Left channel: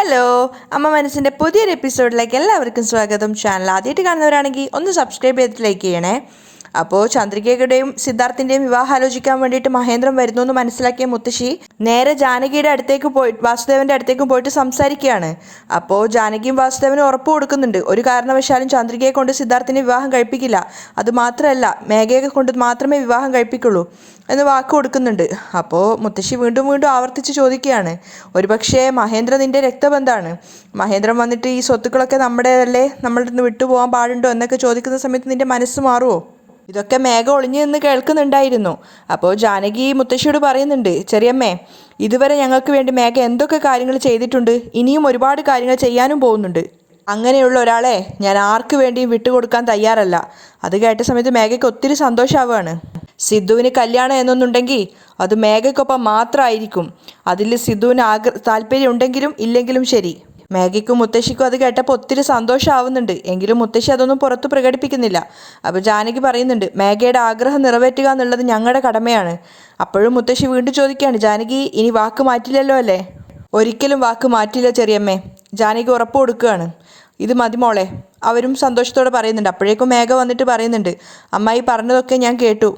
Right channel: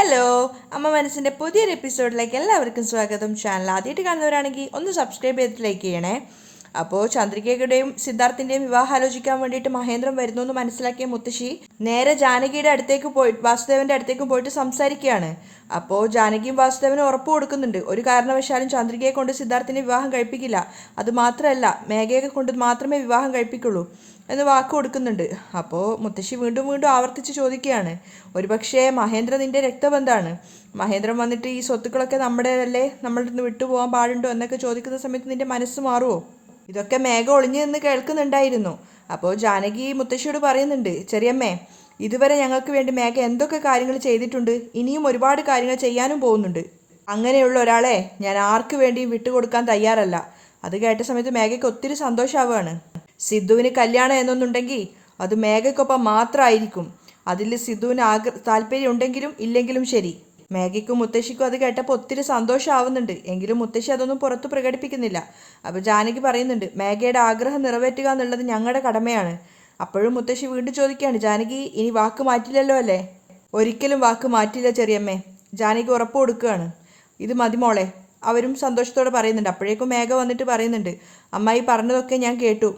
Hello, അമ്മ മനസ്സിൻ്റെ പുതിയൊരു എപ്പിസോഡിലേക്ക് എല്ലാവർക്കും സ്വാഗതം. ചാനൽ ആദ്യമായിട്ട് കാണുന്നവരാണെങ്കിൽ ഒന്ന് സബ്സ്ക്രൈബ് ചെയ്തിട്ട് ലൈക്ക് ചെയ്യണേ. അപ്പോൾ ചന്ദ്രികയുടെയും സിദ്ധാർത്ഥിൻ്റെയും വിവാഹം ആലോചിക്കാൻ വേണ്ടിയിട്ട് മഹേന്ദ്രൻ വരുന്നു എന്ന് മനസ്സിലാക്കിയ മുത്തശ്ശി നേരെ ജാനകിയുടെ അടുത്തേക്ക് വാസുദേവൻ്റെ അടുത്തേക്ക് പോയിട്ട് സംസാരിക്കുകയാണ്. അപ്പോൾ ജാനകിയും വാസുദേവനും ഉറപ്പ് കൊടുക്കുന്നുണ്ട്, ഒരു കാരണവശാലും ചന്ദ്രികയെ കൊണ്ട് സിദ്ധാർത്ഥിനെ വിവാഹം കഴിപ്പിക്കില്ല, അതുമാത്രമല്ല മേഘയെ കൊണ്ട് മാത്രമേ വിവാഹം കഴിപ്പിക്കുള്ളൂ എന്ന് വാക്ക് കൊടുക്കുന്നുണ്ട്. അപ്പോൾ മുത്തശ്ശി വീണ്ടും വീണ്ടും ആവർത്തിച്ച് ചോദിക്കുകയാണ്, ഒരുപക്ഷേ മഹേന്ദ്ര നിൻ്റെ രക്തബന്ധമാണ്, മഹേന്ദ്രൻ വന്നിട്ട് ഈ സ്വത്തുക്കളൊക്കെ നമ്മുടേതല്ലേ, നമ്മളുടെ നിന്ന് വിട്ടുപോകാൻ പാടുണ്ടോ എന്നൊക്കെ ചോദിക്കുന്ന സമയത്ത് നിൻ്റെ മനസ്സ് മാറുമോ? ഇതൊക്കെ മേഘ ഒളിഞ്ഞു നിന്ന് കേൾക്കുന്നുണ്ടായിരുന്നു. അപ്പോൾ ജാനകി മുത്തശ്ശിയോട് പറയുന്നുണ്ട്, ചെറിയമ്മേ, ഇതുവരെ ഞങ്ങൾക്ക് വേണ്ടി മേഘ എന്തൊക്കെ കാര്യങ്ങൾ ചെയ്തിട്ടുണ്ട്, ഇനിയും ഒരുപാട് കാര്യങ്ങൾ ചെയ്യാനും പോകുന്നുണ്ട്. അങ്ങനെയുള്ള ഒരാളെ ഞാൻ ആർക്ക് വേണ്ടിയും വിട്ടുകൊടുക്കാൻ തയ്യാറല്ല. അത് കേട്ട സമയത്ത് മേഘയ്ക്ക് ഒത്തിരി സന്തോഷമാവുകയാണ്. സിദ്ധുവിന് കല്യാണം എന്നൊന്നുണ്ടെങ്കിൽ അത് മേഘയ്ക്കൊപ്പം മാത്രമായിരിക്കും. അതിൽ സിദ്ധുവിന് താല്പര്യം ഉണ്ടെങ്കിലും ഇല്ലെങ്കിലും ശരി. മേഘയ്ക്കും മുത്തശ്ശിക്കും അത് കേട്ടപ്പോൾ ഒത്തിരി സന്തോഷമാവുന്നുണ്ട്. എങ്കിലും മുത്തശ്ശി അതൊന്നും പുറത്ത് പ്രകടിപ്പിക്കുന്നില്ല. അപ്പോൾ ജാനകി പറയുന്നുണ്ട്, മേഘയുടെ ആഗ്രഹം നിറവേറ്റുക എന്നുള്ളത് ഞങ്ങളുടെ കടമയാണ്. അപ്പോഴും മുത്തശ്ശി വീണ്ടും ചോദിക്കുകയാണ്, ജാനകി ഇനി വാക്ക് മാറ്റില്ലല്ലോ അല്ലേ? ഒരിക്കലും വാക്ക് മാറ്റില്ല ചെറിയമ്മേ, ജാനകി ഉറപ്പ് കൊടുക്കുകയാണ്. ഇത് മതി മോളെ. അവരും സന്തോഷത്തോടെ പറയുന്നുണ്ട്. അപ്പോഴേക്കും മേഘ വന്നിട്ട് പറയുന്നുണ്ട്, അമ്മായി പറഞ്ഞതൊക്കെ ഞാൻ കേട്ടു,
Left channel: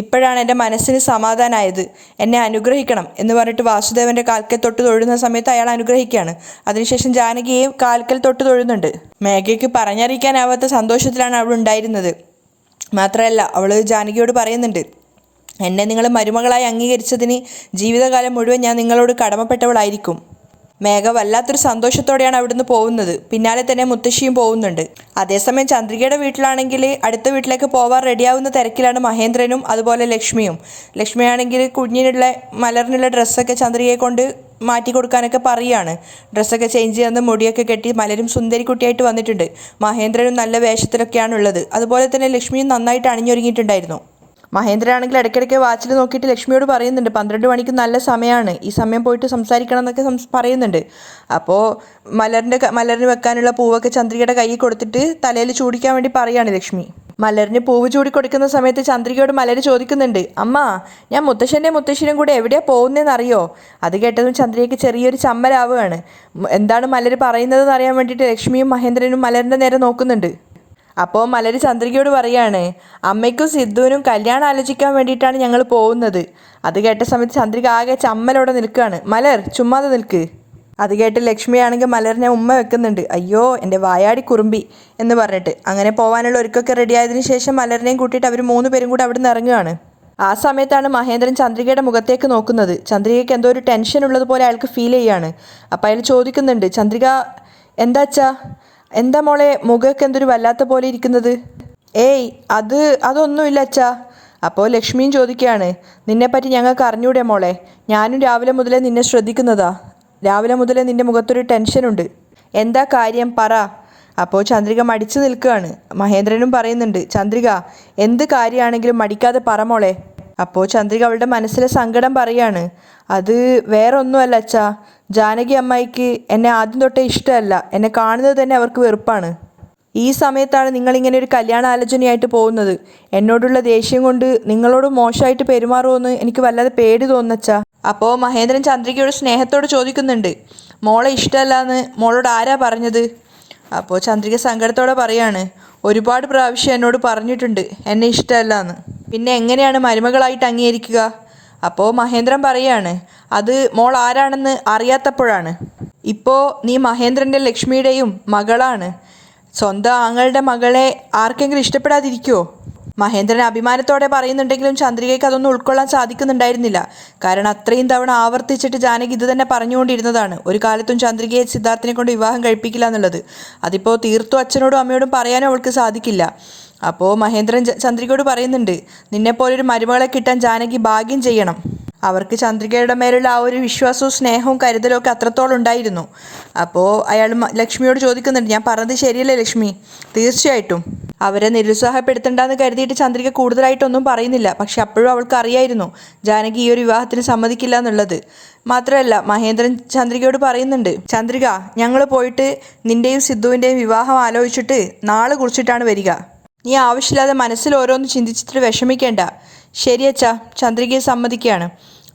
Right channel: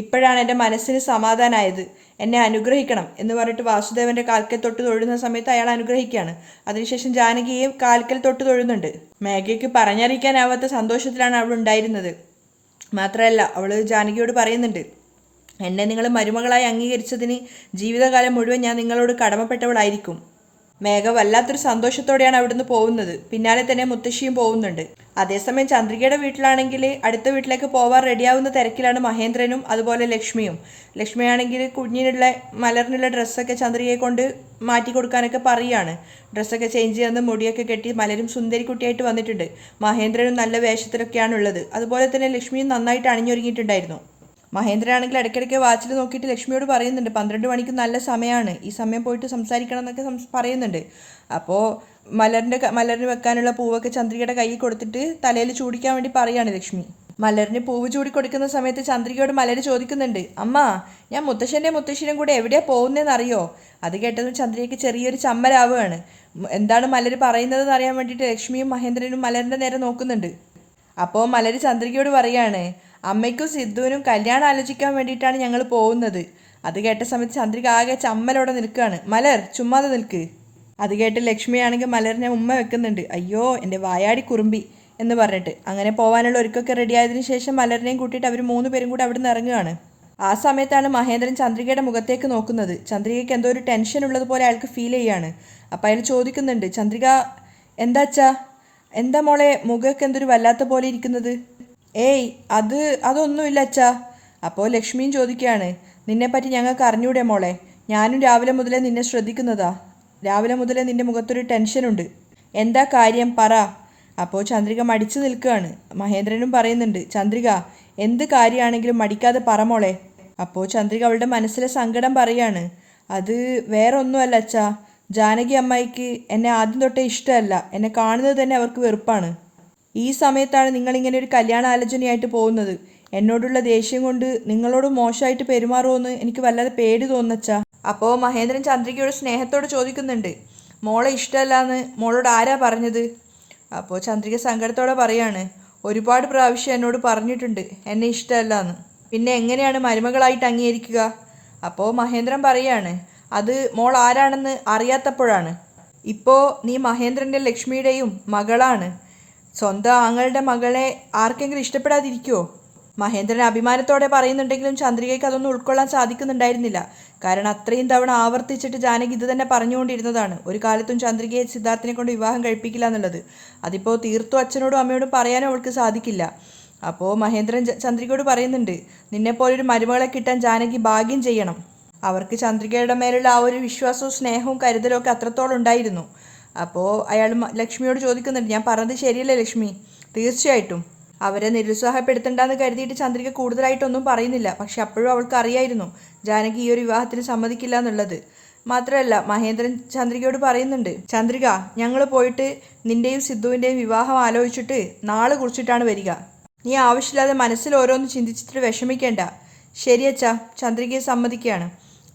ഇപ്പോഴാണ് എൻ്റെ മനസ്സിന് സമാധാനമായത്, എന്നെ അനുഗ്രഹിക്കണം എന്ന് പറഞ്ഞിട്ട് വാസുദേവൻ്റെ കാൽക്കൽ തൊട്ട് തൊഴുന്ന സമയത്ത് അയാൾ അനുഗ്രഹിക്കുകയാണ്. അതിനുശേഷം ജാനകിയെയും കാൽക്കൽ തൊട്ട് തൊഴുന്നുണ്ട്. മേഘയ്ക്ക് പറഞ്ഞറിയിക്കാനാവാത്ത സന്തോഷത്തിലാണ് അവൾ ഉണ്ടായിരുന്നത്. മാത്രമല്ല അവൾ ജാനകിയോട് പറയുന്നുണ്ട്, എന്നെ നിങ്ങൾ മരുമകളായി അംഗീകരിച്ചതിന് ജീവിതകാലം മുഴുവൻ ഞാൻ നിങ്ങളോട് കടമപ്പെട്ടവളായിരിക്കും. മേഘ വല്ലാത്തൊരു സന്തോഷത്തോടെയാണ് അവിടുന്ന് പോകുന്നത്. പിന്നാലെ തന്നെ മുത്തശ്ശിയും പോകുന്നുണ്ട്. അതേസമയം ചന്ദ്രികയുടെ വീട്ടിലാണെങ്കിൽ അടുത്ത വീട്ടിലേക്ക് പോവാൻ റെഡിയാവുന്ന തിരക്കിലാണ് മഹേന്ദ്രനും അതുപോലെ ലക്ഷ്മിയും. ലക്ഷ്മിയാണെങ്കിൽ കുഞ്ഞിനുള്ള മലറിനുള്ള ഡ്രസ്സൊക്കെ ചന്ദ്രികയെ കൊണ്ട് മാറ്റി കൊടുക്കാനൊക്കെ പറയുകയാണ്. ഡ്രസ്സൊക്കെ ചേഞ്ച് ചെയ്യുന്ന മുടിയൊക്കെ കെട്ടി മലരും സുന്ദരിക്കുട്ടിയായിട്ട് വന്നിട്ടുണ്ട്. മഹേന്ദ്രനും നല്ല വേഷത്തിലൊക്കെയാണുള്ളത്. അതുപോലെ തന്നെ ലക്ഷ്മിയും നന്നായിട്ട് അണിഞ്ഞൊരുങ്ങിയിട്ടുണ്ടായിരുന്നു. മഹേന്ദ്രനാണെങ്കിൽ ഇടയ്ക്കിടയ്ക്ക് വാച്ചിൽ നോക്കിയിട്ട് ലക്ഷ്മിയോട് പറയുന്നുണ്ട്, 12 മണിക്ക് നല്ല സമയമാണ്, ഈ സമയം പോയിട്ട് സംസാരിക്കണം എന്നൊക്കെ പറയുന്നുണ്ട്. അപ്പോൾ മലറിന് വെക്കാനുള്ള പൂവൊക്കെ ചന്ദ്രികയുടെ കയ്യിൽ കൊടുത്തിട്ട് തലയിൽ ചൂടിക്കാൻ വേണ്ടി പറയുകയാണ് ലക്ഷ്മി. മലറിന് പൂവ് ചൂടി കൊടുക്കുന്ന സമയത്ത് ചന്ദ്രികയോട് മലര് ചോദിക്കുന്നുണ്ട്, അമ്മ ഞാൻ മുത്തശ്ശിയും കൂടെ എവിടെയാണ് പോകുന്നതെന്ന് അറിയോ? അത് കേട്ടതും ചന്ദ്രികയ്ക്ക് ചെറിയൊരു ചമ്മലാവുകയാണ്. എന്താണ് മലര് പറയുന്നതെന്ന് അറിയാൻ വേണ്ടിയിട്ട് ലക്ഷ്മിയും മഹേന്ദ്രനും മലറിൻ്റെ നേരെ നോക്കുന്നുണ്ട്. അപ്പോൾ മലര് ചന്ദ്രികയോട് പറയാണ്, അമ്മയ്ക്കും സിദ്ധുവിനും കല്യാണം ആലോചിക്കാൻ വേണ്ടിയിട്ടാണ് ഞങ്ങൾ പോകുന്നത്. അത് കേട്ട സമയത്ത് ചന്ദ്രിക ആകെ ചമ്മലോടെ നിൽക്കുകയാണ്. മലർ ചുമ്മാതെ നിൽക്ക്. അത് കേട്ട് ലക്ഷ്മിയാണെങ്കിൽ മലറിനെ ഉമ്മ വെക്കുന്നുണ്ട്. അയ്യോ എൻ്റെ വായാടി കുറുമ്പി എന്ന് പറഞ്ഞിട്ട് അങ്ങനെ പോകാനുള്ള ഒരുക്കൊക്കെ റെഡിയായതിനു ശേഷം മലറിനെയും കൂട്ടിയിട്ട് അവർ 3 പേരും കൂടെ അവിടെ നിന്ന് ഇറങ്ങുകയാണ്. ആ സമയത്താണ് മഹേന്ദ്രൻ ചന്ദ്രികയുടെ മുഖത്തേക്ക് നോക്കുന്നത്. ചന്ദ്രികയ്ക്ക് എന്തോ ഒരു ടെൻഷൻ ഉള്ളതുപോലെ അയാൾക്ക് ഫീൽ ചെയ്യാണ്. അപ്പോൾ അയാൾ ചോദിക്കുന്നുണ്ട്, ചന്ദ്രിക എന്താച്ചാ, എന്താ മോളെ മുഖമൊക്കെ എന്തൊരു വല്ലാത്ത പോലെ ഇരിക്കുന്നത്? ഏയ് അതൊന്നുമില്ല അച്ഛാ. അപ്പോൾ ലക്ഷ്മിയും ചോദിക്കുകയാണ്, നിന്നെപ്പറ്റി ഞങ്ങൾക്ക് അറിഞ്ഞൂടെ മോളെ? ഞാനും രാവിലെ മുതലേ നിന്നെ ശ്രദ്ധിക്കുന്നതാ. രാവിലെ മുതലേ നിൻ്റെ മുഖത്തൊരു ടെൻഷനുണ്ട്. എന്താ കാര്യം പറ. അപ്പോൾ ചന്ദ്രിക മടിച്ചു നിൽക്കുകയാണ്. മഹേന്ദ്രനും പറയുന്നുണ്ട്, ചന്ദ്രിക എന്ത് കാര്യമാണെങ്കിലും മടിക്കാതെ പറ മോളെ. അപ്പോൾ ചന്ദ്രിക അവളുടെ മനസ്സിലെ സങ്കടം പറയാണ്, അത് വേറെ ഒന്നുമല്ല അച്ഛാ, ജാനകി അമ്മായിക്ക് എന്നെ ആദ്യം തൊട്ടേ ഇഷ്ടമല്ല, എന്നെ കാണുന്നത് തന്നെ അവർക്ക് വെറുപ്പാണ്. ഈ സമയത്താണ് നിങ്ങളിങ്ങനെ ഒരു കല്യാണ ആലോചനയായിട്ട് പോകുന്നത്. എന്നോടുള്ള ദേഷ്യം കൊണ്ട് നിങ്ങളോട് മോശമായിട്ട് പെരുമാറുമെന്ന് എനിക്ക് വല്ലാതെ പേടി തോന്നുന്നച്ചാ. അപ്പോൾ മഹേന്ദ്രൻ ചന്ദ്രികയോട് സ്നേഹത്തോട് ചോദിക്കുന്നുണ്ട്, മോളെ ഇഷ്ടമല്ല എന്ന് മോളോട് ആരാ പറഞ്ഞത്? അപ്പോൾ ചന്ദ്രിക സങ്കടത്തോടെ പറയാണ്, ഒരുപാട് പ്രാവശ്യം എന്നോട് പറഞ്ഞിട്ടുണ്ട് എന്നെ ഇഷ്ടമല്ല എന്ന്, പിന്നെ എങ്ങനെയാണ് മരുമകളായിട്ട് അംഗീകരിക്കുക? അപ്പോൾ മഹേന്ദ്രൻ പറയാണ്, അത് മോൾ ആരാണെന്ന് അറിയാത്തപ്പോഴാണ്. ഇപ്പോൾ നീ മഹേന്ദ്രൻ്റെ ലക്ഷ്മിയുടെയും മകളാണ്. സ്വന്തം ആങ്ങളുടെ മകളെ ആർക്കെങ്കിലും ഇഷ്ടപ്പെടാതിരിക്കുമോ? മഹേന്ദ്രൻ അഭിമാനത്തോടെ പറയുന്നുണ്ടെങ്കിലും ചന്ദ്രികയ്ക്ക് അതൊന്നും ഉൾക്കൊള്ളാൻ സാധിക്കുന്നുണ്ടായിരുന്നില്ല. കാരണം അത്രയും തവണ ആവർത്തിച്ചിട്ട് ജാനകി ഇത് തന്നെ പറഞ്ഞുകൊണ്ടിരുന്നതാണ്, ഒരു കാലത്തും ചന്ദ്രികയെ സിദ്ധാർത്ഥിനെ കൊണ്ട് വിവാഹം കഴിപ്പിക്കില്ല എന്നുള്ളത്. അതിപ്പോൾ തീർത്തും അച്ഛനോടും അമ്മയോടും പറയാനും അവൾക്ക് സാധിക്കില്ല. അപ്പോൾ മഹേന്ദ്രൻ ചന്ദ്രികയോട് പറയുന്നുണ്ട്, നിന്നെപ്പോലൊരു മരുമകളെ കിട്ടാൻ ജാനകി ഭാഗ്യം ചെയ്യണം. അവർക്ക് ചന്ദ്രികയുടെ മേലുള്ള ആ ഒരു വിശ്വാസവും സ്നേഹവും കരുതലും ഒക്കെ അത്രത്തോളം ഉണ്ടായിരുന്നു. അപ്പോൾ അയാൾ ലക്ഷ്മിയോട് ചോദിക്കുന്നുണ്ട്, ഞാൻ പറഞ്ഞത് ശരിയല്ലേ ലക്ഷ്മി? തീർച്ചയായിട്ടും. അവരെ നിരുത്സാഹപ്പെടുത്തണ്ടെന്ന് കരുതിയിട്ട് ചന്ദ്രിക കൂടുതലായിട്ടൊന്നും പറയുന്നില്ല. പക്ഷെ അപ്പോഴും അവൾക്ക് അറിയായിരുന്നു ജാനകി ഈ ഒരു വിവാഹത്തിന് സമ്മതിക്കില്ല എന്നുള്ളത്. മാത്രമല്ല മഹേന്ദ്രൻ ചന്ദ്രികയോട് പറയുന്നുണ്ട്, ചന്ദ്രിക ഞങ്ങൾ പോയിട്ട് നിൻ്റെയും സിദ്ധുവിൻ്റെയും വിവാഹം ആലോചിച്ചിട്ട് നാളെ കുറിച്ചിട്ടാണ് വരിക. നീ ആവശ്യമില്ലാതെ മനസ്സിൽ ഓരോന്ന് ചിന്തിച്ചിട്ട് വിഷമിക്കേണ്ട. ശരിയച്ചാ, ചന്ദ്രികയെ സമ്മതിക്കുകയാണ്.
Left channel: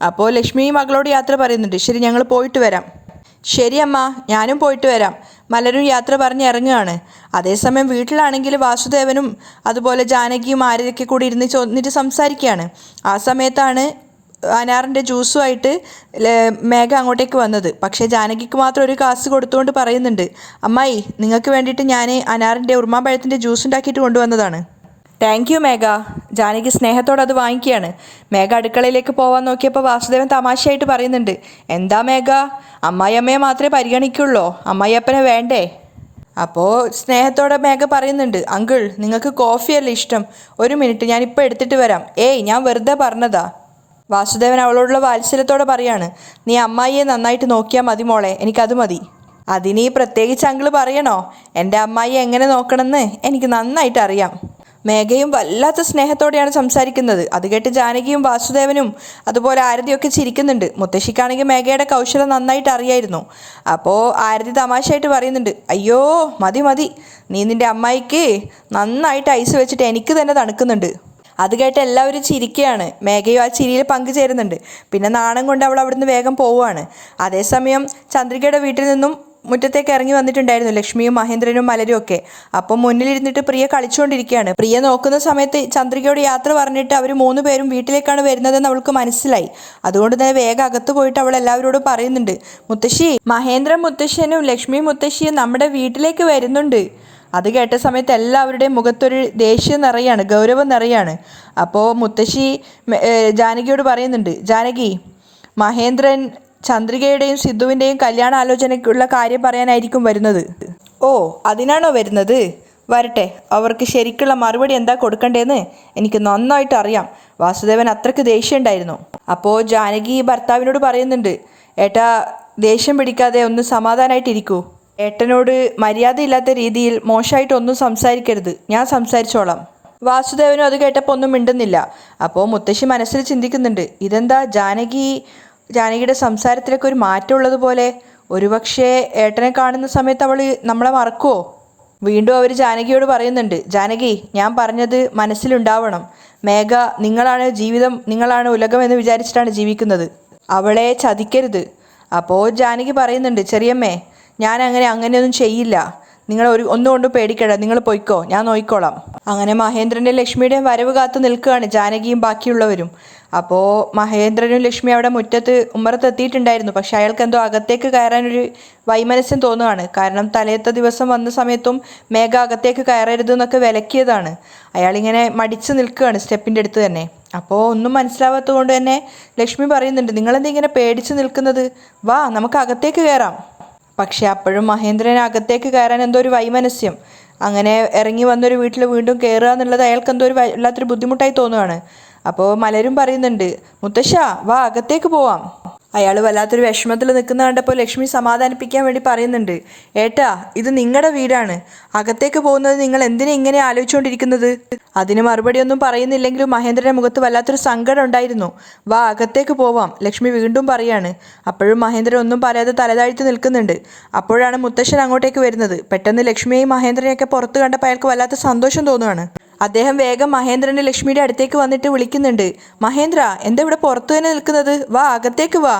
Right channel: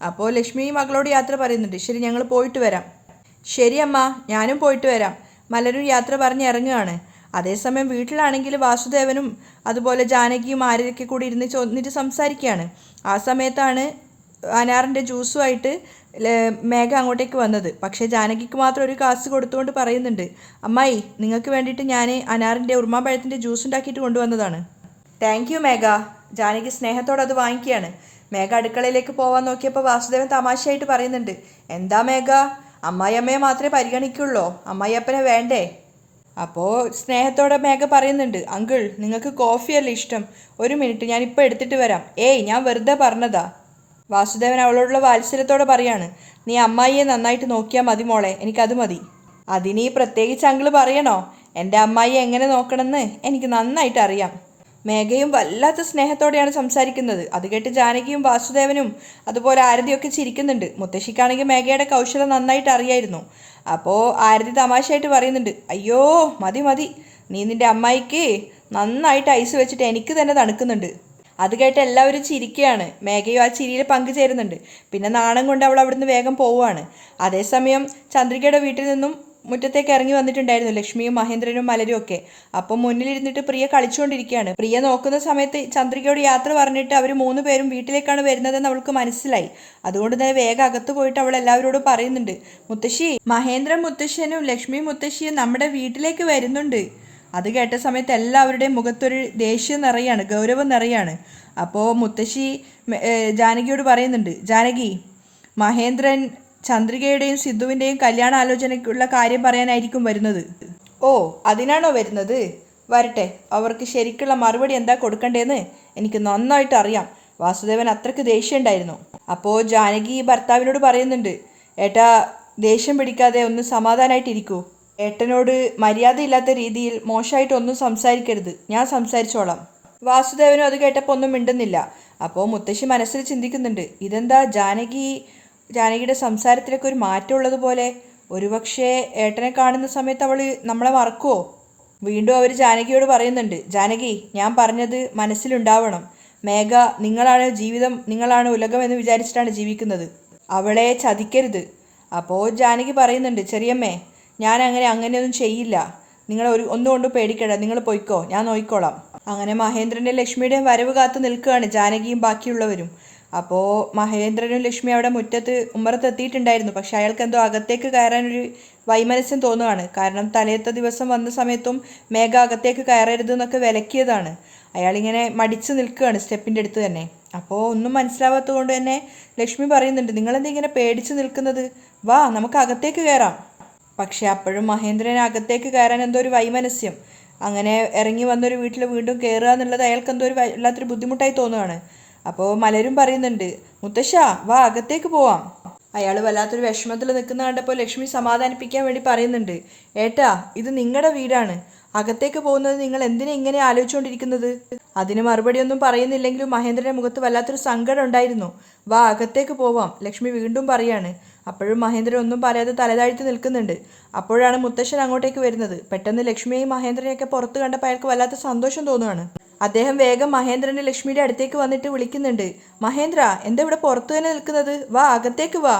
അപ്പോൾ ലക്ഷ്മി മകളോട് യാത്ര പറയുന്നുണ്ട്. ശരി, ഞങ്ങൾ പോയിട്ട് വരാം. ശരി അമ്മ, ഞാനും പോയിട്ട് വരാം. മലരും യാത്ര പറഞ്ഞ് ഇറങ്ങുകയാണ്. അതേസമയം വീട്ടിലാണെങ്കിൽ വാസുദേവനും അതുപോലെ ജാനകിയും ആര്യതൊക്കെ കൂടി ഇരുന്നിട്ട് സംസാരിക്കുകയാണ്. ആ സമയത്താണ് അനാറിൻ്റെ ജ്യൂസുമായിട്ട് മേഘ അങ്ങോട്ടേക്ക് വന്നത്. പക്ഷേ ജാനകിക്ക് മാത്രം ഒരു കാസ് കൊടുത്തുകൊണ്ട് പറയുന്നുണ്ട്, അമ്മായി നിങ്ങൾക്ക് വേണ്ടിയിട്ട് ഞാൻ അനാറിൻ്റെ ഉറുമാമ്പഴത്തിൻ്റെ ജ്യൂസ് ഉണ്ടാക്കിയിട്ട് കൊണ്ടുവന്നതാണ്. താങ്ക് യു മേഘ. ജാനകി സ്നേഹത്തോടെ അത് വാങ്ങിക്കുകയാണ്. മേഘ അടുക്കളയിലേക്ക് പോകാൻ നോക്കിയപ്പോൾ വാസുദേവൻ തമാശയായിട്ട് പറയുന്നുണ്ട്, എന്താ മേഘ, അമ്മായിയമ്മയെ മാത്രമേ പരിഗണിക്കുള്ളൂ, അമ്മായിയപ്പനെ വേണ്ടേ? അപ്പോൾ സ്നേഹത്തോടെ മേഘ പറയുന്നുണ്ട്, അങ്കിൾ നിങ്ങൾക്ക് കോഫിയല്ലേ ഇഷ്ടം, ഒരു മിനിറ്റ് ഞാനിപ്പോൾ എടുത്തിട്ട് വരാം. ഏയ് ഞാൻ വെറുതെ പറഞ്ഞതാ. വാസുദേവൻ അവളോടുള്ള വാത്സല്യത്തോടെ പറയാണ്, നീ അമ്മായിയെ നന്നായിട്ട് നോക്കിയാൽ മതി മോളെ, എനിക്കത് മതി. അതിനീ പ്രത്യേകിച്ച് അങ്കിൾ പറയണോ? എൻ്റെ അമ്മായിയെ എങ്ങനെ നോക്കണമെന്ന് എനിക്ക് നന്നായിട്ട് അറിയാം. മേഘയും വല്ലാത്ത സ്നേഹത്തോടെയാണ് സംസാരിക്കുന്നത്. അത് കേട്ട് ജാനകിയും വാസുദേവനും അതുപോലെ ആരതിയൊക്കെ ചിരിക്കുന്നുണ്ട്. മുത്തശ്ശിക്കാണെങ്കിൽ മേഘയുടെ കൗശലം നന്നായിട്ട് അറിയായിരുന്നു. അപ്പോൾ ആരതി തമാശയായിട്ട് പറയുന്നുണ്ട്, അയ്യോ മതി മതി, നീ നിൻ്റെ അമ്മായിക്ക് നന്നായിട്ട് ഐസ് വെച്ചിട്ട് എനിക്ക് തന്നെ തണുക്കുന്നുണ്ട്. അത് കേട്ട് എല്ലാവരും ചിരിക്കുകയാണ്. മേഘയും ആ ചിരിയിൽ പങ്കുചേരുന്നുണ്ട്. പിന്നെ നാണം കൊണ്ട് അവൾ അവിടുന്ന് വേഗം പോവുകയാണ്. അതേസമയം ചന്ദ്രികയുടെ വീട്ടിൽ നിന്നും മുറ്റത്തേക്ക് ഇറങ്ങി വന്നിട്ടുണ്ടായിരുന്നു ലക്ഷ്മിയും മഹേന്ദ്രനും മലരും ഒക്കെ. അപ്പം മുന്നിലിരുന്നിട്ട് പ്രിയ കളിച്ചുകൊണ്ടിരിക്കുകയാണ്. പ്രിയ നോക്കുന്ന സമയത്ത് ചന്ദ്രികയോട് യാത്ര പറഞ്ഞിട്ട് അവർ 3 പേരും വീട്ടിലേക്കാണ് വരുന്നതെന്ന് അവൾക്ക് മനസ്സിലായി. അതുകൊണ്ട് തന്നെ വേഗം അകത്ത് പോയിട്ട് അവൾ എല്ലാവരോടും പറയുന്നുണ്ട്, മുത്തശ്ശി, മഹേന്ദ്രൻ മുത്തശ്ശനും ലക്ഷ്മി മുത്തശ്ശിയും നമ്മുടെ വീട്ടിലേക്ക് വരുന്നുണ്ട്. അത് കേട്ട സമയത്ത് എല്ലാവരുടെയും മുഖത്തൊരു ദേഷ്യം നിറയാണ്, ഗൗരവം നിറയാണ്. അപ്പോൾ മുത്തശ്ശി ജാനകിയോട് പറയുന്നുണ്ട്, ജാനകി, മഹേന്ദ്രൻ ചന്ദ്രികയുടെയും സിദ്ധുവിൻ്റെയും കല്യാണാലോചനയ്ക്കുള്ള കാര്യം പറയാനായിരിക്കും വരുന്നത്. ഓ, അതിനാണോ വരുന്നത്? വരട്ടെ, അവർക്ക് ശരിക്കുള്ള മറുപടി എന്താ കൊടുക്കണ്ടേന്ന് എനിക്ക് നന്നായിട്ട് അറിയാം. വാസുദേവൻ അത്രയ്ക്ക് ദേഷ്യം ഉണ്ടായിരുന്നു. അപ്പോൾ ജാനകി ഭർത്താവിനോട് പറയുന്നുണ്ട്, ഏട്ടാ ദേഷ്യം പിടിക്കാതെ ഒന്ന് സമാധാനമായിട്ടിരിക്കൂ. ഏട്ടനോട് മര്യാദയില്ലാത്ത രീതിയിൽ മോശമായിട്ടൊന്നും സംസാരിക്കരുത്, ഞാൻ സംസാരിച്ചോളാം. വാസുദേവനും അത് കേട്ടപ്പോൾ ഒന്നും മിണ്ടുന്നില്ല. അപ്പോൾ മുത്തശ്ശി മനസ്സിൽ ചിന്തിക്കുന്നുണ്ട്, ഇതെന്താ ജാനകിയുടെ സംസാരത്തിലൊക്കെ ഒരു മാറ്റം ഉള്ളതുപോലെ. ഒരുപക്ഷെ ഏട്ടനെ കാണുന്ന സമയത്ത് അവൾ നമ്മളെ മറക്കുമോ? വീണ്ടും അവർ ജാനകിയോട് പറയുന്നുണ്ട്, ജാനകി, ഞാൻ പറഞ്ഞത് മനസ്സിലുണ്ടാവണം. മേഘ നിങ്ങളാണ് ജീവിതം, നിങ്ങളാണ് ഉലകം എന്ന് വിചാരിച്ചിട്ടാണ് ജീവിക്കുന്നത്. അവളെ ചതിക്കരുത്. അപ്പോൾ ജാനകി പറയുന്നുണ്ട്, ചെറിയമ്മേ, ഞാൻ അങ്ങനെയൊന്നും ചെയ്യില്ല. നിങ്ങൾ ഒന്നുകൊണ്ടും പേടിക്കണ്ട, നിങ്ങൾ പൊയ്ക്കോ, ഞാൻ നോക്കിക്കോളാം. അങ്ങനെ മഹേന്ദ്രൻ്റെ ലക്ഷ്മിയുടെയും വരവ് കാത്തു നിൽക്കുകയാണ് ജാനകിയും ബാക്കിയുള്ളവരും. അപ്പോൾ മഹേന്ദ്രനും ലക്ഷ്മി അവിടെ മുറ്റത്ത് ഉമ്മറത്തെത്തിയിട്ടുണ്ടായിരുന്നു. പക്ഷെ അയാൾക്ക് എന്തോ അകത്തേക്ക് കയറാനൊരു വൈമനസ്യം തോന്നുകയാണ്. കാരണം തലേത്തെ ദിവസം വന്ന സമയത്തും മേഘ അകത്തേക്ക് കയറരുത് എന്നൊക്കെ വിലക്കിയതാണ്. അയാളിങ്ങനെ മടിച്ച് നിൽക്കുകയാണ് സ്റ്റെപ്പിൻ്റെ അടുത്ത് തന്നെ. അപ്പോൾ ഒന്നും മനസ്സിലാവാത്തത് കൊണ്ട് തന്നെ ലക്ഷ്മി പറയുന്നുണ്ട്, നിങ്ങളെന്താ ഇങ്ങനെ പേടിച്ച് നിൽക്കുന്നത്, വാ നമുക്ക് അകത്തേക്ക് കയറാം. പക്ഷെ അപ്പോഴും മഹേന്ദ്രൻ അകത്തേക്ക് കയറാൻ എന്തോ ഒരു വൈമനസ്യം. അങ്ങനെ ഇറങ്ങി വന്നൊരു വീട്ടിൽ വീണ്ടും കയറുക എന്നുള്ളത് അയാൾക്ക് എന്തോ ഒരു വല്ലാത്തൊരു ബുദ്ധിമുട്ടായി തോന്നുകയാണ്. അപ്പോൾ മലരും പറയുന്നുണ്ട്, മുത്തശ്ശ വാ അകത്തേക്ക് പോവാം. അയാൾ വല്ലാത്തൊരു വിഷമത്തിൽ നിൽക്കുന്ന കണ്ടപ്പോൾ ലക്ഷ്മി സമാധാനിപ്പിക്കാൻ വേണ്ടി പറയുന്നുണ്ട്, ഏട്ടാ ഇത് നിങ്ങളുടെ വീടാണ്, അകത്തേക്ക് പോകുന്നത് നിങ്ങൾ എന്തിനാ ഇങ്ങനെ ആലോചിച്ചുകൊണ്ടിരിക്കുന്നത്? അതിന് മറുപടിയൊന്നും പറയുന്നില്ലെങ്കിലും മഹേന്ദ്രൻ്റെ മുഖത്ത് വല്ലാത്തൊരു സങ്കടം ഉണ്ടായിരുന്നു. വാ അകത്തേക്ക് പോവാം, ലക്ഷ്മി വീണ്ടും പറയാണ്. അപ്പോഴും മഹേന്ദ്രൻ ഒന്നും പറയാതെ തലതാഴ്ത്തി നിൽക്കുന്നുണ്ട്. അപ്പോഴാണ് മുത്തശ്ശൻ അങ്ങോട്ടേക്ക് വരുന്നത്. പെട്ടെന്ന് ലക്ഷ്മിയെയും മഹേന്ദ്രനെയൊക്കെ പുറത്ത് കണ്ടപ്പോൾ അയാൾക്ക് വല്ലാത്ത സന്തോഷം തോന്നുകയാണ്. അദ്ദേഹം വേഗം മഹേന്ദ്രൻ്റെ ലക്ഷ്മിയുടെ അടുത്തേക്ക് വന്നിട്ട് വിളിക്കുന്നുണ്ട്, മഹേന്ദ്ര, എന്താ ഇവിടെ പുറത്തു തന്നെ നിൽക്കുന്നത്, വാ അകത്തേക്ക് വാ.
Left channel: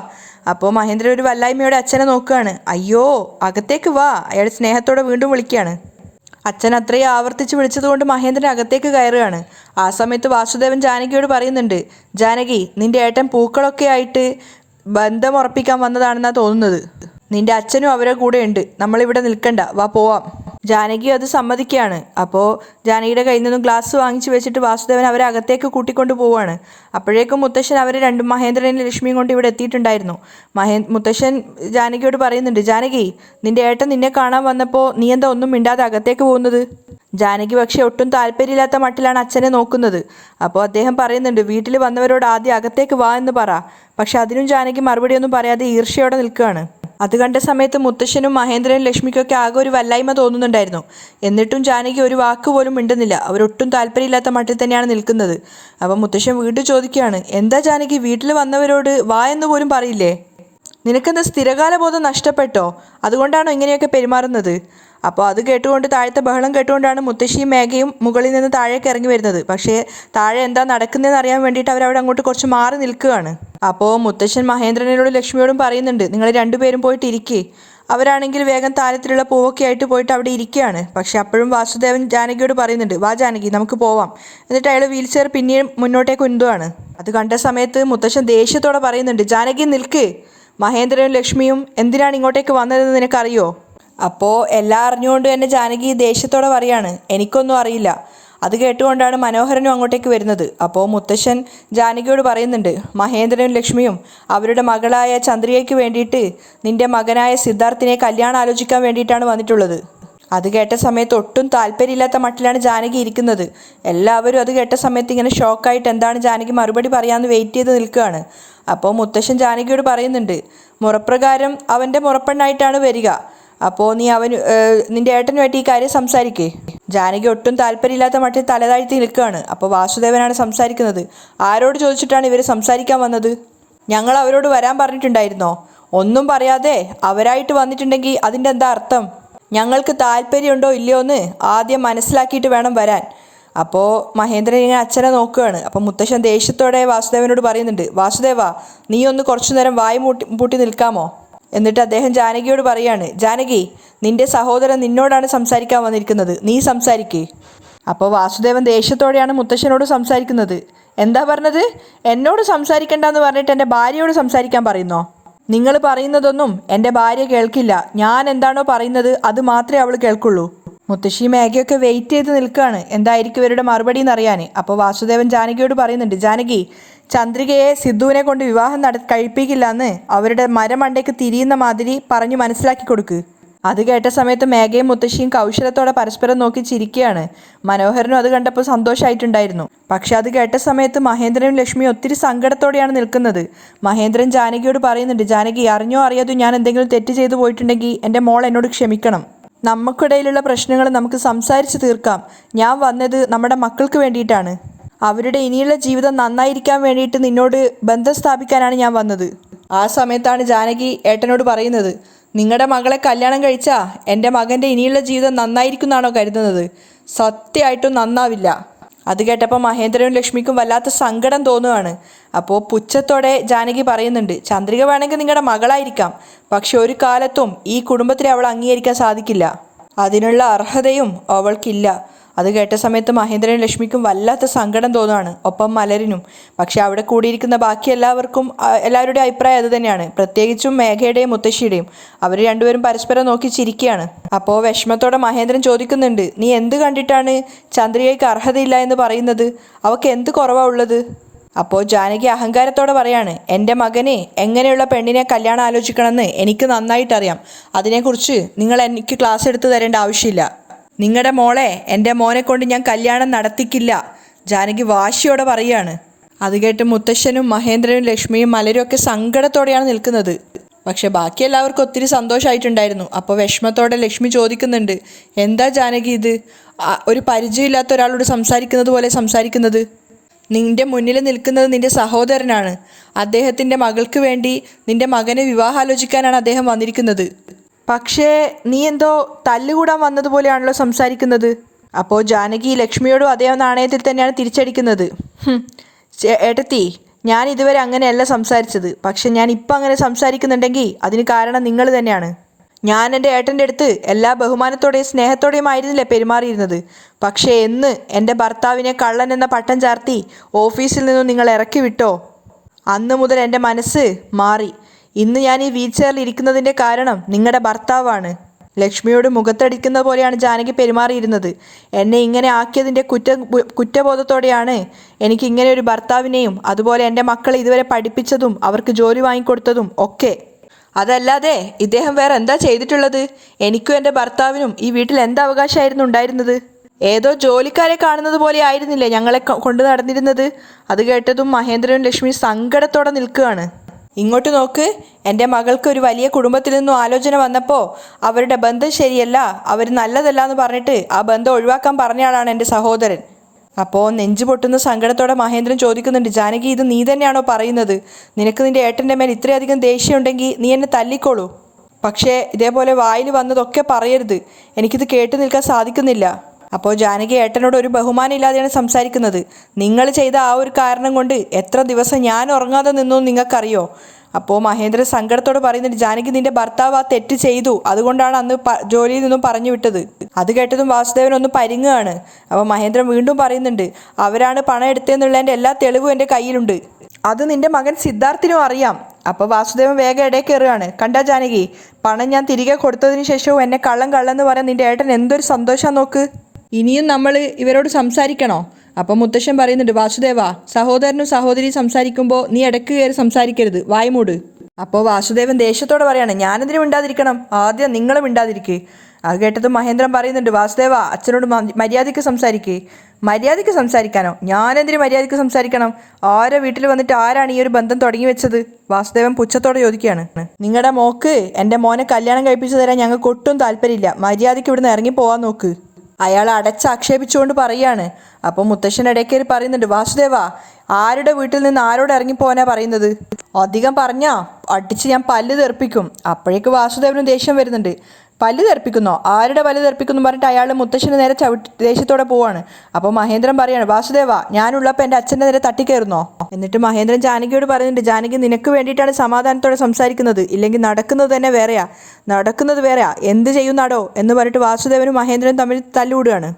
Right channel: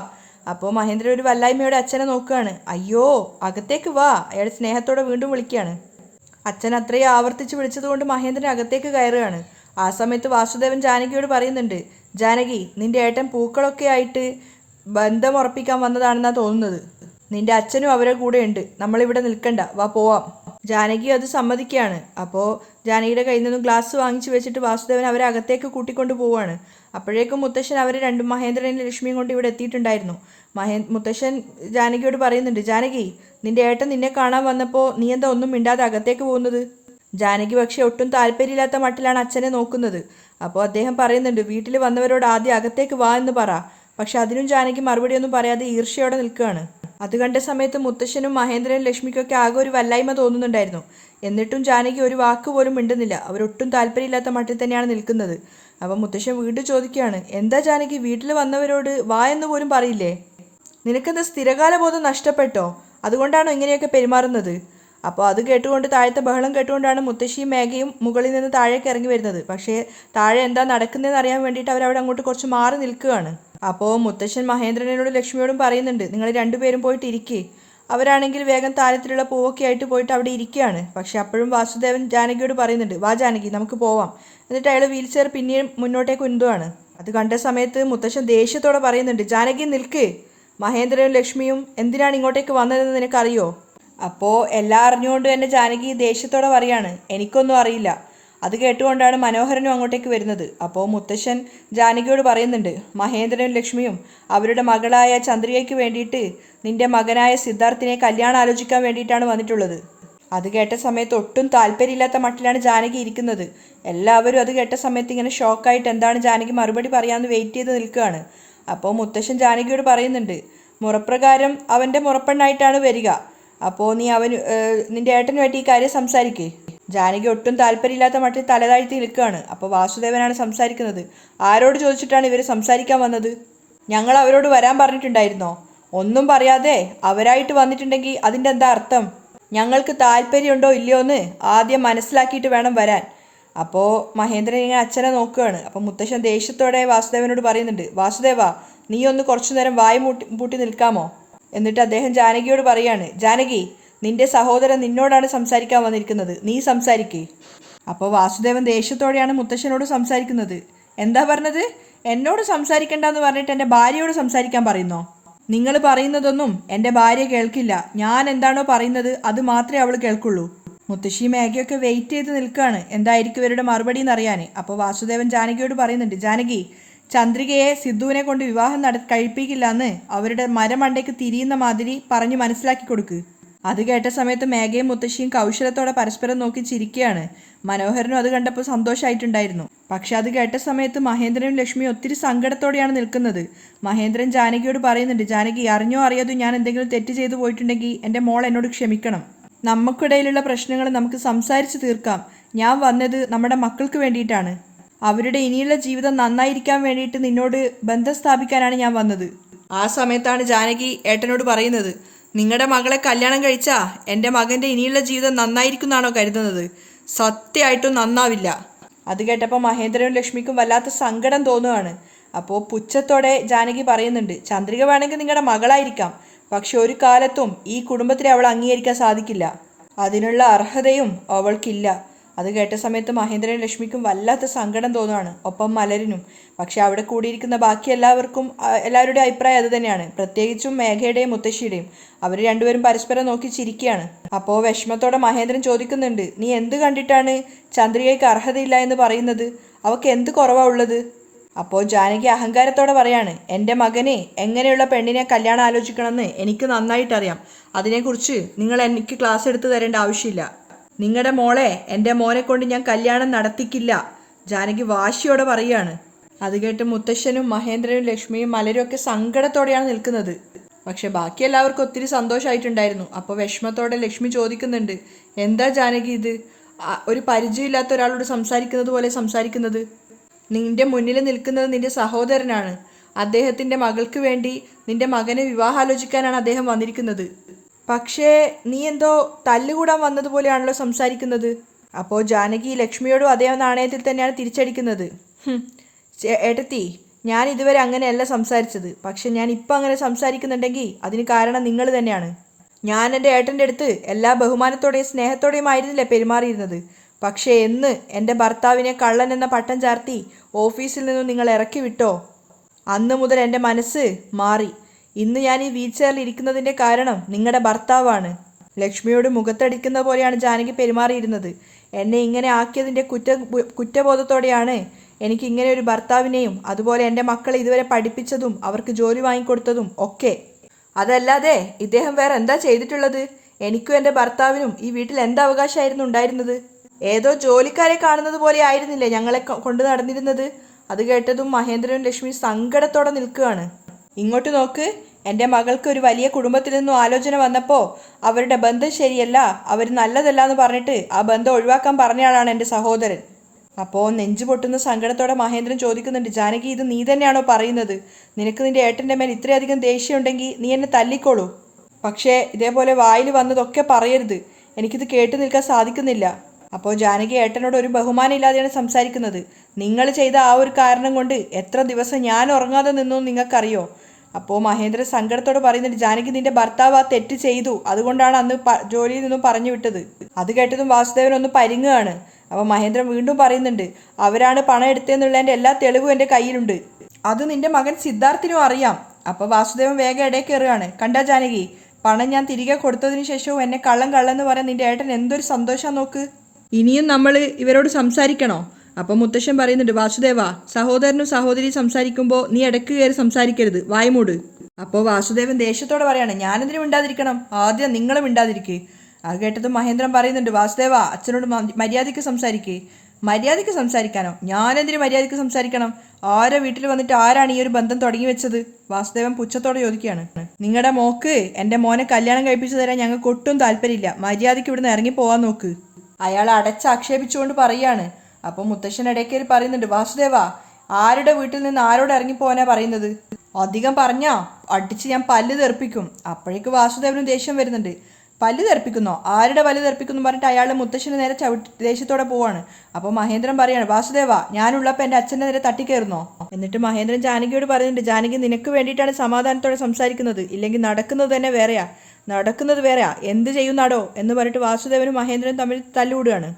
അപ്പോൾ മഹേന്ദ്രൻ ഒരു വല്ലായ്മയോടെ അച്ഛനെ നോക്കുകയാണ്. അയ്യോ അകത്തേക്ക് വാ, അയാൾ സ്നേഹത്തോടെ വീണ്ടും വിളിക്കുകയാണ്. അച്ഛൻ അത്രയും ആവർത്തിച്ച് വിളിച്ചതുകൊണ്ട് മഹേന്ദ്രൻ അകത്തേക്ക് കയറുകയാണ്. ആ സമയത്ത് വാസുദേവൻ ജാനകിയോട് പറയുന്നുണ്ട്, ജാനകി, നിന്റെ ഏട്ടൻ പൂക്കളൊക്കെ ആയിട്ട് ബന്ധം ഉറപ്പിക്കാൻ വന്നതാണെന്നാണ് തോന്നുന്നത്. നിന്റെ അച്ഛനും അവരുടെ കൂടെ ഉണ്ട്, നമ്മളിവിടെ നിൽക്കണ്ട, വാ പോവാം. ജാനകി അത് സമ്മതിക്കുകയാണ്. അപ്പോൾ ജാനകിയുടെ കയ്യിൽ നിന്നും ഗ്ലാസ് വാങ്ങിച്ചു വെച്ചിട്ട് വാസുദേവൻ അവരെ അകത്തേക്ക് കൂട്ടിക്കൊണ്ട് പോവുകയാണ്. അപ്പോഴേക്കും മുത്തശ്ശൻ അവർ രണ്ടും മഹേന്ദ്രനും ലക്ഷ്മിയും കൊണ്ട് ഇവിടെ എത്തിയിട്ടുണ്ടായിരുന്നു. മുത്തശ്ശൻ ജാനകിയോട് പറയുന്നുണ്ട്, ജാനകി, നിന്റെ ഏട്ടൻ നിന്നെ കാണാൻ വന്നപ്പോൾ നീ എന്താ ഒന്നും മിണ്ടാതെ അകത്തേക്ക് പോകുന്നത്? ജാനകി പക്ഷേ ഒട്ടും താല്പര്യമില്ലാത്ത മട്ടിലാണ് അച്ഛനെ നോക്കുന്നത്. അപ്പോൾ അദ്ദേഹം പറയുന്നുണ്ട്, വീട്ടിൽ വന്നവരോട് ആദ്യം അകത്തേക്ക് വാ എന്ന് പറ. പക്ഷെ അതിനും ജാനകി മറുപടിയൊന്നും പറയാതെ ഈർഷ്യയോടെ നിൽക്കുകയാണ്. അത് കണ്ട സമയത്ത് മുത്തശ്ശനും മഹേന്ദ്രനും ലക്ഷ്മിക്കൊക്കെ ആകെ ഒരു വല്ലായ്മ തോന്നുന്നുണ്ടായിരുന്നു. എന്നിട്ടും ജാനകി ഒരു വാക്ക് പോലും മിണ്ടുന്നില്ല. അവരൊട്ടും താല്പര്യമില്ലാത്ത മട്ടിൽ തന്നെയാണ് നിൽക്കുന്നത്. അപ്പം മുത്തശ്ശൻ വീണ്ടും ചോദിക്കുകയാണ്, എന്താ ജാനകി, വീട്ടിൽ വന്നവരോട് വാ എന്ന് പോലും പറയില്ലേ? നിനക്കെന്താ സ്ഥിരകാല ബോധം നഷ്ടപ്പെട്ടോ? അതുകൊണ്ടാണോ ഇങ്ങനെയൊക്കെ പെരുമാറുന്നത്? അപ്പോൾ അത് കേട്ടുകൊണ്ട് താഴത്തെ ബഹളം കേട്ടുകൊണ്ടാണ് മുത്തശ്ശിയും മേഘയും മുകളിൽ നിന്ന് താഴേക്ക് ഇറങ്ങി വരുന്നത്. പക്ഷേ താഴെ എന്താ നടക്കുന്നതെന്ന് അറിയാൻ വേണ്ടിയിട്ട് അവരവിടെ അങ്ങോട്ട് കുറച്ച് മാറി നിൽക്കുകയാണ്. അപ്പോൾ മുത്തശ്ശൻ മഹേന്ദ്രനോടും ലക്ഷ്മിയോടും പറയുന്നുണ്ട്, നിങ്ങൾ രണ്ടുപേരും പോയിട്ട് ഇരിക്കേ. അവരാണെങ്കിൽ വേഗം താരത്തിലുള്ള പൂവൊക്കെ ആയിട്ട് പോയിട്ട് അവിടെ ഇരിക്കുകയാണ്. പക്ഷെ അപ്പോഴും വാസുദേവൻ ജാനകിയോട് പറയുന്നുണ്ട്, വാ ജാനകി നമുക്ക് പോവാം. എന്നിട്ട് അയാൾ വീൽ ചെയർ പിന്നെയും മുന്നോട്ടേക്ക് ഉന്തുവാണ്. അത് കണ്ട സമയത്ത് മുത്തശ്ശൻ ദേഷ്യത്തോടെ പറയുന്നുണ്ട്, ജാനകി നിൽക്ക്. മഹേന്ദ്രനും ലക്ഷ്മിയും എന്തിനാണ് ഇങ്ങോട്ടേക്ക് വന്നതെന്ന് നിനക്കറിയോ? അപ്പോൾ എല്ലാം അറിഞ്ഞുകൊണ്ട് തന്നെ ജാനകി ദേഷ്യത്തോടെ പറയാണ്, എനിക്കൊന്നും അറിയില്ല. അത് കേട്ടുകൊണ്ടാണ് മനോഹരനും അങ്ങോട്ടേക്ക് വരുന്നത്. അപ്പോൾ മുത്തശ്ശൻ ജാനകിയോട് പറയുന്നുണ്ട്, മഹേന്ദ്രനും ലക്ഷ്മിയും അവരുടെ മകളായ ചന്ദ്രികയ്ക്ക് വേണ്ടിയിട്ട് നിന്റെ മകനായ സിദ്ധാർത്ഥിനെ കല്യാണം ആലോചിക്കാൻ വേണ്ടിയിട്ടാണ് വന്നിട്ടുള്ളത്. അത് കേട്ട സമയത്ത് ഒട്ടും താല്പര്യമില്ലാത്ത മട്ടിലാണ് ജാനകി ഇരിക്കുന്നത്. എല്ലാവരും അത് കേട്ട സമയത്ത് ഇങ്ങനെ ഷോക്കായിട്ട് എന്താണ് ജാനകി മറുപടി പറയാമെന്ന് വെയിറ്റ് ചെയ്ത് നിൽക്കുകയാണ്. അപ്പോൾ മുത്തശ്ശൻ ജാനകിയോട് പറയുന്നുണ്ട്, മുറപ്രകാരം അവൻ്റെ മുറപ്പെണ്ണായിട്ടാണ് വരിക. അപ്പോൾ നീ നിന്റെ ഏട്ടനുമായിട്ട് ഈ കാര്യം സംസാരിക്കേ. ജാനകി ഒട്ടും താല്പര്യമില്ലാത്ത മട്ടിൽ തലതാഴ്ത്തി നിൽക്കുകയാണ്. അപ്പോൾ വാസുദേവനാണ് സംസാരിക്കുന്നത്. ആരോട് ചോദിച്ചിട്ടാണ് ഇവർ സംസാരിക്കാൻ വന്നത്? ഞങ്ങൾ അവരോട് വരാൻ പറഞ്ഞിട്ടുണ്ടായിരുന്നോ? ഒന്നും പറയാതെ അവരായിട്ട് വന്നിട്ടുണ്ടെങ്കിൽ അതിൻ്റെ എന്താ അർത്ഥം? ഞങ്ങൾക്ക് താല്പര്യമുണ്ടോ ഇല്ലയോ എന്ന് ആദ്യം മനസ്സിലാക്കിയിട്ട് വേണം വരാൻ. അപ്പോൾ മഹേന്ദ്രൻ ഇങ്ങനെ അച്ഛനെ നോക്കുകയാണ്. അപ്പോൾ മുത്തശ്ശൻ ദേഷ്യത്തോടെ വാസുദേവനോട് പറയുന്നുണ്ട്, വാസുദേവ നീ ഒന്ന് കുറച്ചു നേരം വായി പൂട്ടി നിൽക്കാമോ? എന്നിട്ട് അദ്ദേഹം ജാനകിയോട് പറയാണ്, ജാനകി നിന്റെ സഹോദരൻ നിന്നോടാണ് സംസാരിക്കാൻ വന്നിരിക്കുന്നത്, നീ സംസാരിക്കേ. അപ്പോൾ വാസുദേവൻ ദേഷ്യത്തോടെയാണ് മുത്തശ്ശനോട് സംസാരിക്കുന്നത്. എന്താ പറഞ്ഞത്? എന്നോട് സംസാരിക്കണ്ടെന്ന് പറഞ്ഞിട്ട് എൻ്റെ ഭാര്യയോട് സംസാരിക്കാൻ പറയുന്നോ? നിങ്ങൾ പറയുന്നതൊന്നും എൻ്റെ ഭാര്യ കേൾക്കില്ല. ഞാൻ എന്താണോ പറയുന്നത് അത് മാത്രമേ അവൾ കേൾക്കുള്ളൂ. മുത്തശ്ശി മേഘയൊക്കെ വെയിറ്റ് ചെയ്ത് നിൽക്കുകയാണ് എന്തായിരിക്കും ഇവരുടെ മറുപടി എന്നറിയാൻ. അപ്പോൾ വാസുദേവൻ ജാനകിയോട് പറയുന്നുണ്ട്, ജാനകി ചന്ദ്രികയെ സിദ്ധുവിനെ കൊണ്ട് വിവാഹം കഴിപ്പിക്കില്ല എന്ന് അവരുടെ മരമണ്ടയ്ക്ക് തിരിയുന്ന മാതിരി പറഞ്ഞു മനസ്സിലാക്കി കൊടുക്ക്. അത് കേട്ട സമയത്ത് മേഘയും മുത്തശ്ശിയും കൗശലത്തോടെ പരസ്പരം നോക്കി ചിരിക്കുകയാണ്. മനോഹരനും അത് കണ്ടപ്പോൾ സന്തോഷമായിട്ടുണ്ടായിരുന്നു. പക്ഷെ അത് കേട്ട സമയത്ത് മഹേന്ദ്രനും ലക്ഷ്മിയും ഒത്തിരി സങ്കടത്തോടെയാണ് നിൽക്കുന്നത്. മഹേന്ദ്രൻ ജാനകിയോട് പറയുന്നുണ്ട്, ജാനകി അറിഞ്ഞോ അറിയാതോ ഞാൻ എന്തെങ്കിലും തെറ്റ് ചെയ്തു പോയിട്ടുണ്ടെങ്കിൽ എൻ്റെ മോൾ എന്നോട് ക്ഷമിക്കണം. നമുക്കിടയിലുള്ള പ്രശ്നങ്ങൾ നമുക്ക് സംസാരിച്ച് തീർക്കാം. ഞാൻ വന്നത് നമ്മുടെ മക്കൾക്ക് വേണ്ടിയിട്ടാണ്. അവരുടെ ഇനിയുള്ള ജീവിതം നന്നായിരിക്കാൻ വേണ്ടിയിട്ട് നിന്നോട് ബന്ധം സ്ഥാപിക്കാനാണ് ഞാൻ വന്നത്. ആ സമയത്താണ് ജാനകി ഏട്ടനോട് പറയുന്നത്, നിങ്ങളുടെ മകളെ കല്യാണം കഴിച്ചാൽ എൻ്റെ മകൻ്റെ ഇനിയുള്ള ജീവിതം നന്നായിരിക്കും എന്നാണോ കരുതുന്നത്? സത്യമായിട്ടും നന്നാവില്ല. അത് കേട്ടപ്പോൾ മഹേന്ദ്രനും ലക്ഷ്മിക്കും വല്ലാത്ത സങ്കടം തോന്നുകയാണ്. അപ്പോൾ പുച്ഛത്തോടെ ജാനകി പറയുന്നുണ്ട്, ചന്ദ്രിക വേണമെങ്കിൽ നിങ്ങളുടെ മകളായിരിക്കാം, പക്ഷെ ഒരു കാലത്തും ഈ കുടുംബത്തിലെ അവൾ അംഗീകരിക്കാൻ സാധിക്കില്ല. അതിനുള്ള അർഹതയും അവൾക്കില്ല. അത് കേട്ട സമയത്ത് മഹേന്ദ്രനും ലക്ഷ്മിക്കും വല്ലാത്ത സങ്കടം തോന്നുകയാണ്, ഒപ്പം മലരിനും. പക്ഷെ അവിടെ കൂടിയിരിക്കുന്ന ബാക്കി എല്ലാവരുടെയും അഭിപ്രായം അത് തന്നെയാണ്, പ്രത്യേകിച്ചും മേഘയുടെയും മുത്തശ്ശിയുടെയും. അവർ രണ്ടുപേരും പരസ്പരം നോക്കി ചിരിക്കുകയാണ്. അപ്പോൾ വിഷമത്തോടെ മഹേന്ദ്രൻ ചോദിക്കുന്നുണ്ട്, നീ എന്ത് കണ്ടിട്ടാണ് ചന്ദ്രികയ്ക്ക് അർഹതയില്ല എന്ന് പറയുന്നത്? അവൾക്ക് എന്ത് കുറവാണ് ഉള്ളത്? അപ്പോൾ ജാനകി അഹങ്കാരത്തോടെ പറയാണ്, എൻ്റെ മകനെ എങ്ങനെയുള്ള പെണ്ണിനെ കല്യാണം ആലോചിക്കണമെന്ന് എനിക്ക് നന്നായിട്ടറിയാം. അതിനെക്കുറിച്ച് നിങ്ങൾ എനിക്ക് ക്ലാസ് എടുത്ത് തരേണ്ട ആവശ്യമില്ല. നിങ്ങളുടെ മോളെ എൻ്റെ മോനെ കൊണ്ട് ഞാൻ കല്യാണം നടത്തിക്കില്ല. ജാനകി വാശിയോടെ പറയുകയാണ്. അത് കേട്ട് മുത്തശ്ശനും മഹേന്ദ്രനും ലക്ഷ്മിയും മലരും ഒക്കെ സങ്കടത്തോടെയാണ് നിൽക്കുന്നത്. പക്ഷെ ബാക്കി എല്ലാവർക്കും ഒത്തിരി സന്തോഷമായിട്ടുണ്ടായിരുന്നു. അപ്പോൾ വിഷമത്തോടെ ലക്ഷ്മി ചോദിക്കുന്നുണ്ട്, എന്താ ജാനകി ഇത്? ഒരു പരിചയമില്ലാത്ത ഒരാളോട് സംസാരിക്കുന്നത് പോലെ സംസാരിക്കുന്നത്? നിന്റെ മുന്നിൽ നിൽക്കുന്നത് നിന്റെ സഹോദരനാണ്. അദ്ദേഹത്തിൻ്റെ മകൾക്ക് വേണ്ടി നിന്റെ മകനെ വിവാഹാലോചിക്കാനാണ് അദ്ദേഹം വന്നിരിക്കുന്നത്. പക്ഷേ നീ എന്തോ തല്ലുകൂടാൻ വന്നതുപോലെയാണല്ലോ സംസാരിക്കുന്നത്. അപ്പോൾ ജാനകി ലക്ഷ്മിയോടും അതേ നാണയത്തിൽ തന്നെയാണ് തിരിച്ചടിക്കുന്നത്. ഏട്ടത്തി, ഞാൻ ഇതുവരെ അങ്ങനെയല്ല സംസാരിച്ചത്. പക്ഷെ ഞാൻ ഇപ്പം അങ്ങനെ സംസാരിക്കുന്നുണ്ടെങ്കിൽ അതിന് കാരണം നിങ്ങൾ തന്നെയാണ്. ഞാൻ എൻ്റെ ഏട്ടൻ്റെ അടുത്ത് എല്ലാ ബഹുമാനത്തോടെയും സ്നേഹത്തോടെയും ആയിരുന്നില്ലേ പെരുമാറിയിരുന്നത്. പക്ഷേ എന്ന് എൻ്റെ ഭർത്താവിനെ കള്ളൻ എന്ന പട്ടം ചാർത്തി ഓഫീസിൽ നിന്നും നിങ്ങൾ ഇറക്കി വിട്ടോ, അന്ന് മുതൽ എൻ്റെ മനസ്സ് മാറി. ഇന്ന് ഞാൻ ഈ വീൽ ചെയറിൽ ഇരിക്കുന്നതിൻ്റെ കാരണം നിങ്ങളുടെ ഭർത്താവാണ്. ലക്ഷ്മിയോട് മുഖത്തടിക്കുന്ന പോലെയാണ് ജാനകി പെരുമാറിയിരുന്നത്. എന്നെ ഇങ്ങനെ ആക്കിയതിൻ്റെ കുറ്റബോധത്തോടെയാണ് എനിക്ക് ഇങ്ങനെ ഒരു ഭർത്താവിനെയും അതുപോലെ എൻ്റെ മക്കളെ ഇതുവരെ പഠിപ്പിച്ചതും അവർക്ക് ജോലി വാങ്ങിക്കൊടുത്തതും ഒക്കെ. അതല്ലാതെ ഇദ്ദേഹം വേറെ എന്താ ചെയ്തിട്ടുള്ളത്? എനിക്കും എൻ്റെ ഭർത്താവിനും ഈ വീട്ടിൽ എന്ത് അവകാശമായിരുന്നു ഉണ്ടായിരുന്നത്? ഏതോ ജോലിക്കാരെ കാണുന്നത് പോലെ ആയിരുന്നില്ലേ ഞങ്ങളെ കൊണ്ട് നടന്നിരുന്നത്? അത് കേട്ടതും മഹേന്ദ്രനും ലക്ഷ്മി സങ്കടത്തോടെ നിൽക്കുകയാണ്. ഇങ്ങോട്ട് നോക്ക്, എൻ്റെ മകൾക്ക് ഒരു വലിയ കുടുംബത്തിൽ നിന്നും ആലോചന വന്നപ്പോൾ അവരുടെ ബന്ധം ശരിയല്ല, അവർ നല്ലതല്ല എന്ന് പറഞ്ഞിട്ട് ആ ബന്ധം ഒഴിവാക്കാൻ പറഞ്ഞയാളാണ് എൻ്റെ സഹോദരൻ. അപ്പോൾ നെഞ്ചു പൊട്ടുന്ന സങ്കടത്തോടെ മഹേന്ദ്രൻ ചോദിക്കുന്നുണ്ട്, ജാനകി ഇത് നീ തന്നെയാണോ പറയുന്നത്? നിനക്ക് നിൻ്റെ ഏട്ടൻ്റെ മേൽ ഇത്രയധികം ദേഷ്യമുണ്ടെങ്കിൽ നീ എന്നെ തല്ലിക്കോളൂ. പക്ഷേ ഇതേപോലെ വായിൽ വന്നതൊക്കെ പറയരുത്. എനിക്കിത് കേട്ടു നിൽക്കാൻ സാധിക്കുന്നില്ല. അപ്പോൾ ജാനകി ഏട്ടനോട് ഒരു ബഹുമാനം ഇല്ലാതെയാണ് സംസാരിക്കുന്നത്. നിങ്ങൾ ചെയ്ത ആ ഒരു കാരണം കൊണ്ട് എത്ര ദിവസം ഞാൻ ഉറങ്ങാതെ നിന്നു നിങ്ങൾക്കറിയോ? അപ്പോൾ മഹേന്ദ്രൻ സങ്കടത്തോട് പറയുന്നുണ്ട്, ജാനകി നിന്റെ ഭർത്താവ് ആ തെറ്റ് ചെയ്തു, അതുകൊണ്ടാണ് അന്ന് ജോലിയിൽ നിന്നും പറഞ്ഞു വിട്ടത്. അത് കേട്ടതും വാസുദേവൻ ഒന്ന് പരിങ്ങുകയാണ്. അപ്പോൾ മഹേന്ദ്രൻ വീണ്ടും പറയുന്നുണ്ട്, അവരാണ് പണം എടുത്തതെന്നുള്ളതിൻ്റെ എല്ലാ തെളിവും എൻ്റെ കയ്യിലുണ്ട്. അത് നിന്റെ മകൻ സിദ്ധാർത്ഥിനും അറിയാം. അപ്പോൾ വാസുദേവൻ വേഗം ഇടയിൽ കയറുകയാണ്. കണ്ടാ ജാനകി, പണം ഞാൻ തിരികെ കൊടുത്തതിന് ശേഷവും എന്നെ കള്ളെന്ന് പറയാൻ നിന്റെ ഏട്ടൻ എന്തൊരു സന്തോഷം നോക്ക്. ഇനിയും നമ്മൾ ഇവരോട് സംസാരിക്കണോ? അപ്പം മുത്തശ്ശൻ പറയുന്നുണ്ട്, വാസുദേവ, സഹോദരനും സഹോദരിയും സംസാരിക്കുമ്പോൾ നീ ഇടയ്ക്ക് കയറി സംസാരിക്കരുത്, വായ്മൂട്. അപ്പോൾ വാസുദേവൻ ദേഷ്യത്തോടെ പറയാണ്, ഞാനെന്തിനും മിണ്ടാതിരിക്കണം, ആദ്യം നിങ്ങൾ മിണ്ടാതിരിക്കേ. അത് കേട്ടത് മഹേന്ദ്രൻ പറയുന്നുണ്ട്, വാസുദേവ, അച്ഛനോട് മര്യാദയ്ക്ക് സംസാരിക്കേ. മര്യാദയ്ക്ക് സംസാരിക്കാനോ? ഞാനെന്തിന് മര്യാദയ്ക്ക് സംസാരിക്കണം? ആരോ വീട്ടിൽ വന്നിട്ട് ആരാണ് ഈ ഒരു ബന്ധം തുടങ്ങി വെച്ചത്? വാസുദേവൻ പുച്ഛത്തോടെ ചോദിക്കുകയാണ്. നിങ്ങളുടെ മോക്ക് എൻ്റെ മോനെ കല്യാണം കഴിപ്പിച്ചു തരാൻ ഞങ്ങൾക്ക് ഒട്ടും താല്പര്യമില്ല. മര്യാദയ്ക്ക് ഇവിടുന്ന് ഇറങ്ങി പോകാൻ നോക്ക്. അയാൾ അടച്ചാക്ഷേപിച്ചുകൊണ്ട് പറയുകയാണ്. അപ്പോൾ മുത്തശ്ശൻ ഇടയ്ക്കേറി പറയുന്നുണ്ട്, വാസുദേവ, ആരുടെ വീട്ടിൽ നിന്ന് ആരോട് ഇറങ്ങിപ്പോവാനാ പറയുന്നത്? അധികം പറഞ്ഞാ അടിച്ച് ഞാൻ പല്ല് തെറിപ്പിക്കും. അപ്പോഴേക്ക് വാസുദേവനും ദേഷ്യം വരുന്നുണ്ട്. പല്ല് തെറിപ്പിക്കുന്നോ? ആരുടെ പല്ല് തെറിപ്പിക്കുന്നു പറഞ്ഞിട്ട് അയാൾ മുത്തശ്ശന് നേരെ ദേഷ്യത്തോടെ പോവാണ്. അപ്പോൾ മഹേന്ദ്രൻ പറയാണ്, വാസുദേവ, ഞാനുള്ളപ്പോൾ എൻ്റെ അച്ഛൻ്റെ നേരെ തട്ടിക്കയറുന്നോ? എന്നിട്ട് മഹേന്ദ്രൻ ജാനകിയോട് പറയുന്നുണ്ട്, ജാനകി, നിനക്ക് വേണ്ടിയിട്ടാണ് സമാധാനത്തോടെ സംസാരിക്കുന്നത്, ഇല്ലെങ്കിൽ നടക്കുന്നത് തന്നെ വേറെയാ. നടക്കുന്നത് വേറെയാ, എന്ത് ചെയ്യുന്നാടോ എന്ന് പറഞ്ഞിട്ട് വാസുദേവനും മഹേന്ദ്രനും തമ്മിൽ തല്ലുകൂടുകയാണ്.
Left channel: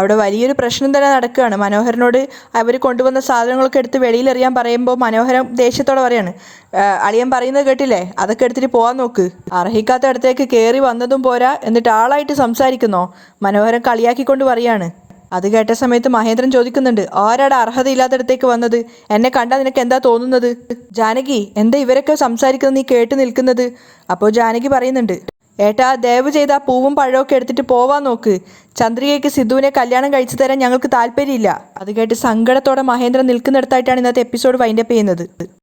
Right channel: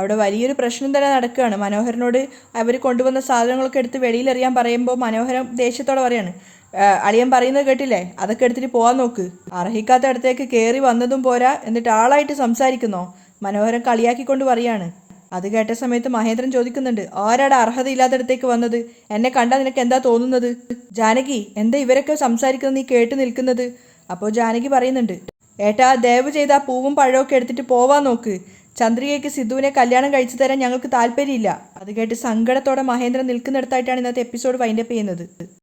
അവിടെ വലിയൊരു പ്രശ്നം തന്നെ നടക്കുകയാണ്. മനോഹരനോട് അവർ കൊണ്ടുവന്ന സാധനങ്ങളൊക്കെ എടുത്ത് വെളിയിലെറിയാൻ പറയുമ്പോൾ മനോഹരൻ ദേഷ്യത്തോടെ പറയാണ്, അളിയൻ പറയുന്നത് കേട്ടില്ലേ, അതൊക്കെ എടുത്തിട്ട് പോകാൻ നോക്ക്. അർഹിക്കാത്ത അടുത്തേക്ക് കയറി വന്നതും പോരാ, എന്നിട്ട് ആളായിട്ട് സംസാരിക്കുന്നോ? മനോഹരൻ കളിയാക്കിക്കൊണ്ട് പറയാണ്. അത് കേട്ട സമയത്ത് മഹേന്ദ്രൻ ചോദിക്കുന്നുണ്ട്, ആരാടെ അർഹതയില്ലാത്തടത്തേക്ക് വന്നത്? എന്നെ കണ്ടാൽ നിനക്ക് എന്താ തോന്നുന്നത്? ജാനകി, എന്താ ഇവരൊക്കെ സംസാരിക്കുന്നത് നീ കേട്ട് നിൽക്കുന്നത്? അപ്പോൾ ജാനകി പറയുന്നുണ്ട്, ഏട്ടാ, ദയവ് ചെയ്ത് ആ പൂവും പഴമൊക്കെ എടുത്തിട്ട് പോവാൻ നോക്ക്. ചന്ദ്രികയ്ക്ക് സിദ്ധുവിനെ കല്യാണം കഴിച്ചു തരാൻ ഞങ്ങൾക്ക് താല്പര്യമില്ല. അത് കേട്ട് സങ്കടത്തോടെ മഹേന്ദ്രൻ നിൽക്കുന്നിടത്തായിട്ടാണ് ഇന്നത്തെ എപ്പിസോഡ് വൈൻഡപ്പ് ചെയ്യുന്നത്.